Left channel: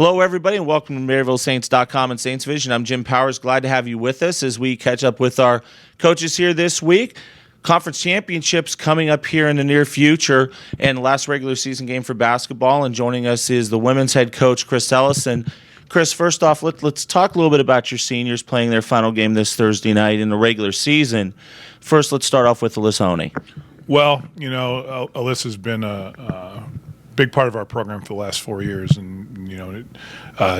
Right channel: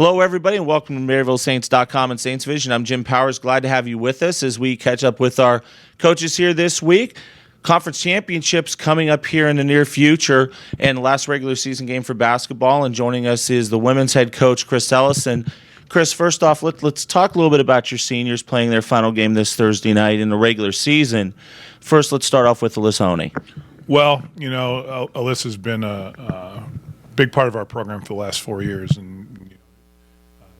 Hello, everybody, and welcome to MaryvilleSaints.com and Saints Vision. I'm Jim Powers. Glad to have you with us as we catch up with our coaches here this week. Conference championships coming up here in the near future, and the last regular season game for basketball. And joining us is the women's head coach, Chris Ellis. And Chris, first off, let's talk a little bit about your seniors playing their final game this Thursday night in the regular season. First, let's start off with Ellis Honey. Well, Ellis has been a big part of our program for the last 4 years, and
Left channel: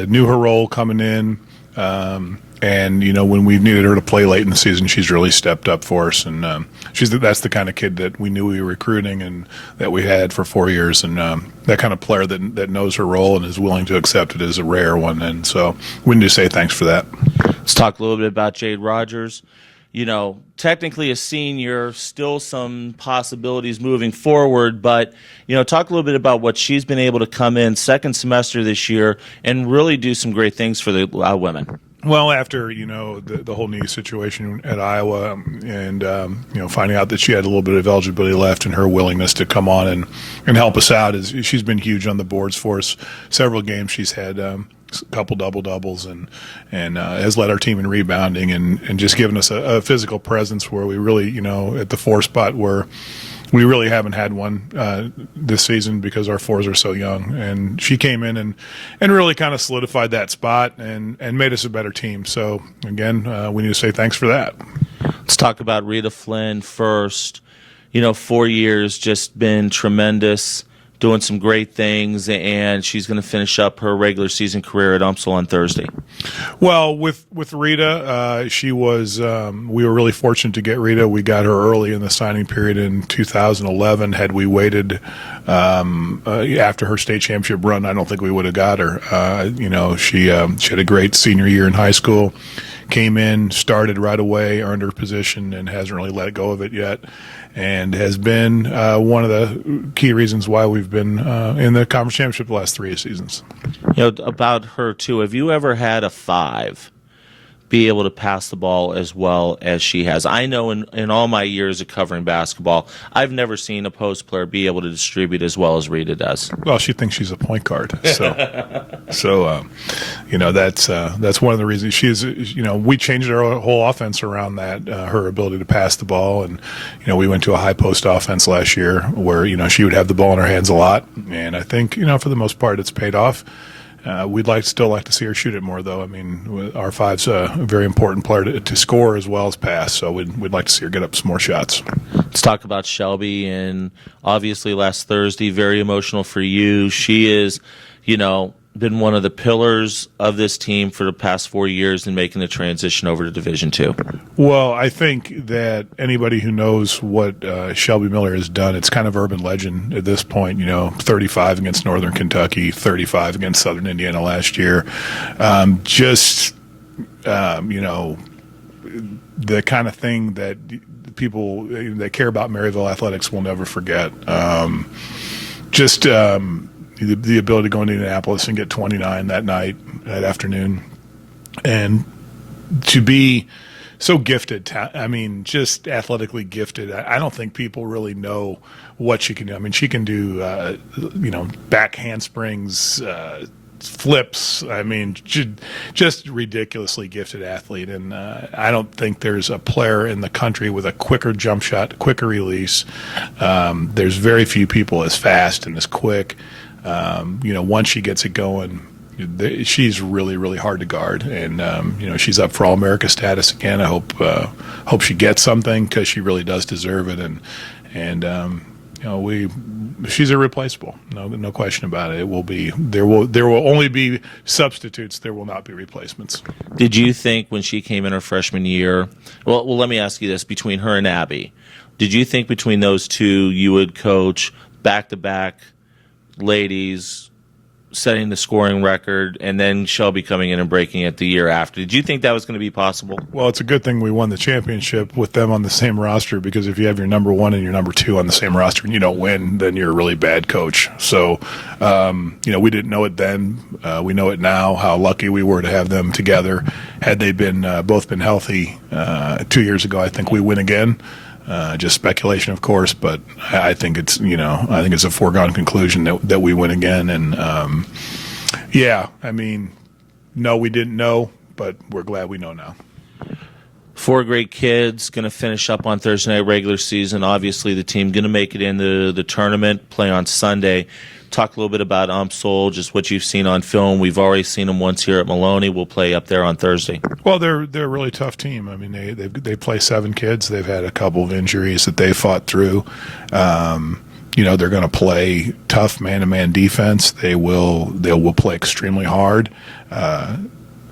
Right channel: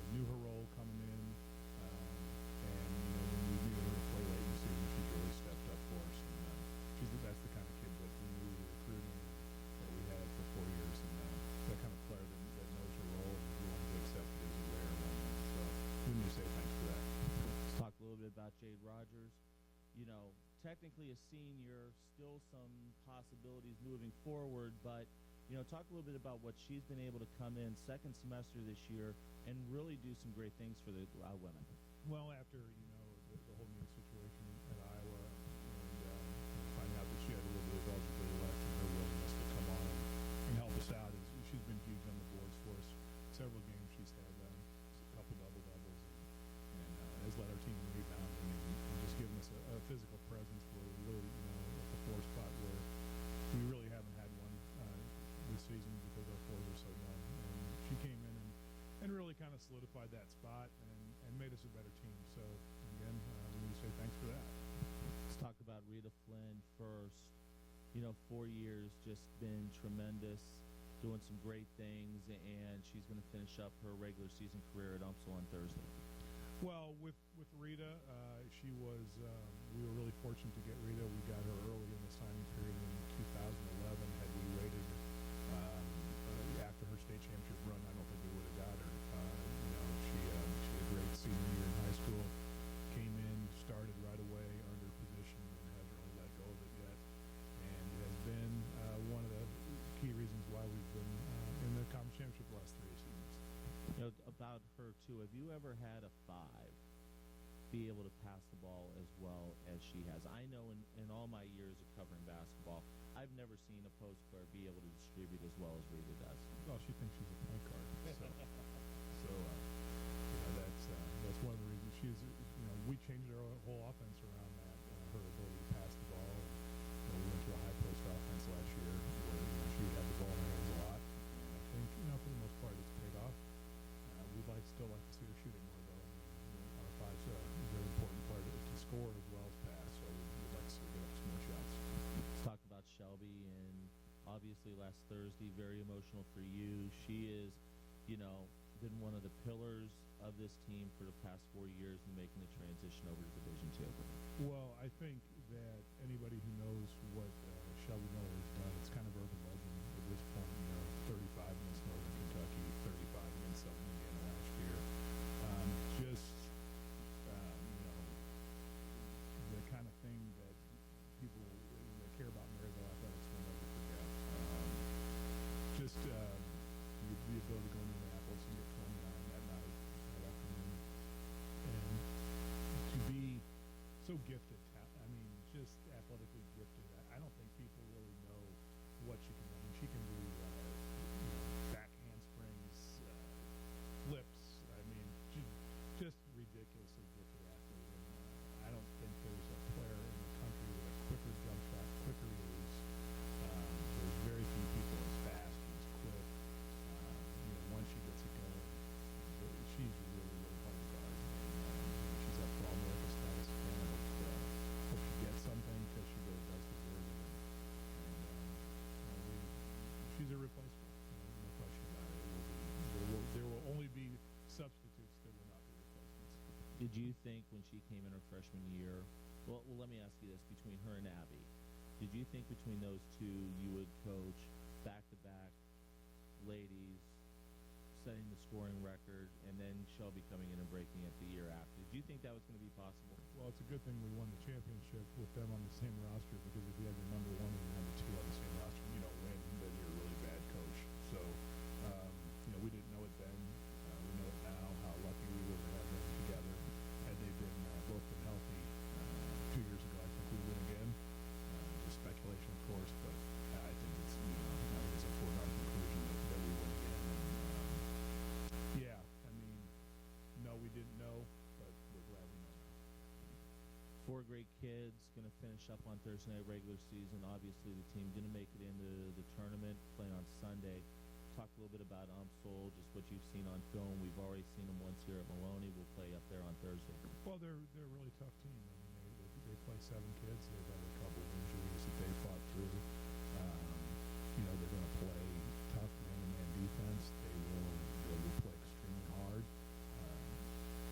knew her role coming in, and when we've needed her to play late in the season, she's really stepped up for us, and that's the kind of kid that we knew we were recruiting and that we had for 4 years, and that kind of player that knows her role and is willing to accept it is a rare one, and so we need to say thanks for that. Let's talk a little bit about Jade Rogers. Technically a senior, still some possibilities moving forward, but, talk a little bit about what she's been able to come in second semester this year and really do some great things for the women. Well, after, the whole knee situation at Iowa and, finding out that she had a little bit of eligibility left and her willingness to come on and help us out, she's been huge on the boards for us. Several games she's had a couple double-doubles and has led our team in rebounding and just given us a physical presence where we really, at the 4 spot where we really haven't had one this season because our 4s are so young. And she came in and really kind of solidified that spot and made us a better team. So, again, we need to say thanks for that. Let's talk about Rita Flynn first. 4 years, just been tremendous, doing some great things, and she's going to finish up her regular season career at UMSL on Thursday. Well, with Rita, she was. We were really fortunate to get Rita. We got her early in the signing period in 2011. Had we waited after her state championship run, I don't think we would have got her. She had a great senior year in high school. Came in, started right away, earned her position, and hasn't really let go of it yet, and has been one of the key reasons why we've been in the conference championship the last 3 seasons. About her, too, have you ever had a 5 be able to pass the ball as well as she has? I know in all my years of covering basketball, I've never seen a post player be able to distribute as well as Rita does. Well, she thinks she's a point guard, so that's one of the reasons she's. We changed our whole offense around that, her ability to pass the ball, and we went to a high post offense last year where she would have the ball in her hands a lot, and I think for the most part it's paid off. We'd still like to see her shoot it more, though. I mean, our 5's a very important player to score as well as pass, so we'd like to see her get up some more shots. Let's talk about Shelby, and obviously last Thursday, very emotional for you. She is, been one of the pillars of this team for the past 4 years in making the transition over to Division II. Well, I think that anybody who knows what Shelby Miller has done, it's kind of urban legend at this point. 35 against Northern Kentucky, 35 against Southern Indiana last year. The kind of thing that people that care about Maryville athletics will never forget. The ability to go into Indianapolis and get 29 that afternoon, and to be so gifted. Just athletically gifted. I don't think people really know what she can do. I mean, she can do, back handsprings, flips. I mean, just ridiculously gifted athlete. And I don't think there's a player in the country with a quicker jump shot, quicker release. There's very few people as fast and as quick. Once she gets it going, she's really, really hard to guard, and she's up for All-America status again. I hope she gets something because she really does deserve it, and she's irreplaceable. No question about it. There will only be substitutes. There will not be replacements. Did you think when she came in her freshman year? Well, let me ask you this: between her and Abby, did you think between those two you would coach back-to-back ladies, setting the scoring record, and then Shelby coming in and breaking it the year after? Did you think that was going to be possible? Well, it's a good thing we won the championship with them on the same roster, because if you have your number 1 and your number 2 on the same roster and you don't win, then you're a really bad coach. So, we didn't know it then. We know it now, how lucky we were to have them together. Had they been both been healthy 2 years ago, I think we win again. Just speculation, of course, but I think it's a foregone conclusion that we win again, and Yeah, I mean, no, we didn't know, but we're glad we know now. 4 great kids going to finish up on Thursday night regular season. Obviously, the team going to make it into the tournament, play on Sunday. Talk a little bit about Umsol, just what you've seen on film. We've already seen them once here at Maloney. We'll play up there on Thursday. Well, they're a really tough team. I mean, they play 7 kids. They've had a couple of injuries that they fought through. They're going to play tough man-to-man defense. They will play extremely hard.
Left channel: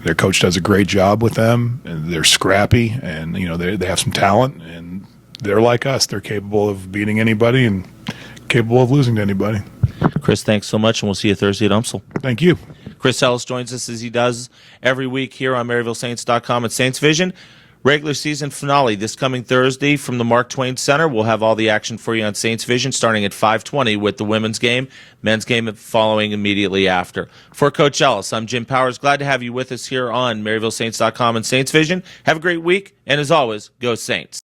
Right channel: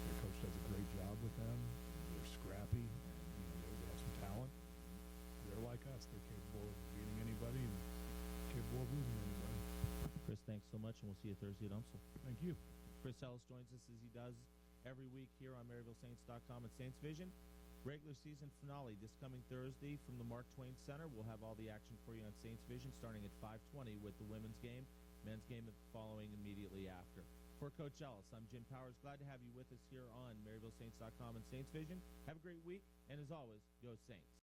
Their coach does a great job with them, and they're scrappy, and they have some talent, and they're like us. They're capable of beating anybody and capable of losing to anybody. Chris, thanks so much, and we'll see you Thursday at Umsel. Thank you. Chris Ellis joins us as he does every week here on MaryvilleSaints.com and Saints Vision. Regular season finale this coming Thursday from the Mark Twain Center. We'll have all the action for you on Saints Vision starting at 5:20 with the women's game, men's game following immediately after. For Coach Ellis, I'm Jim Powers. Glad to have you with us here on MaryvilleSaints.com and Saints Vision. Have a great week, and as always, go Saints.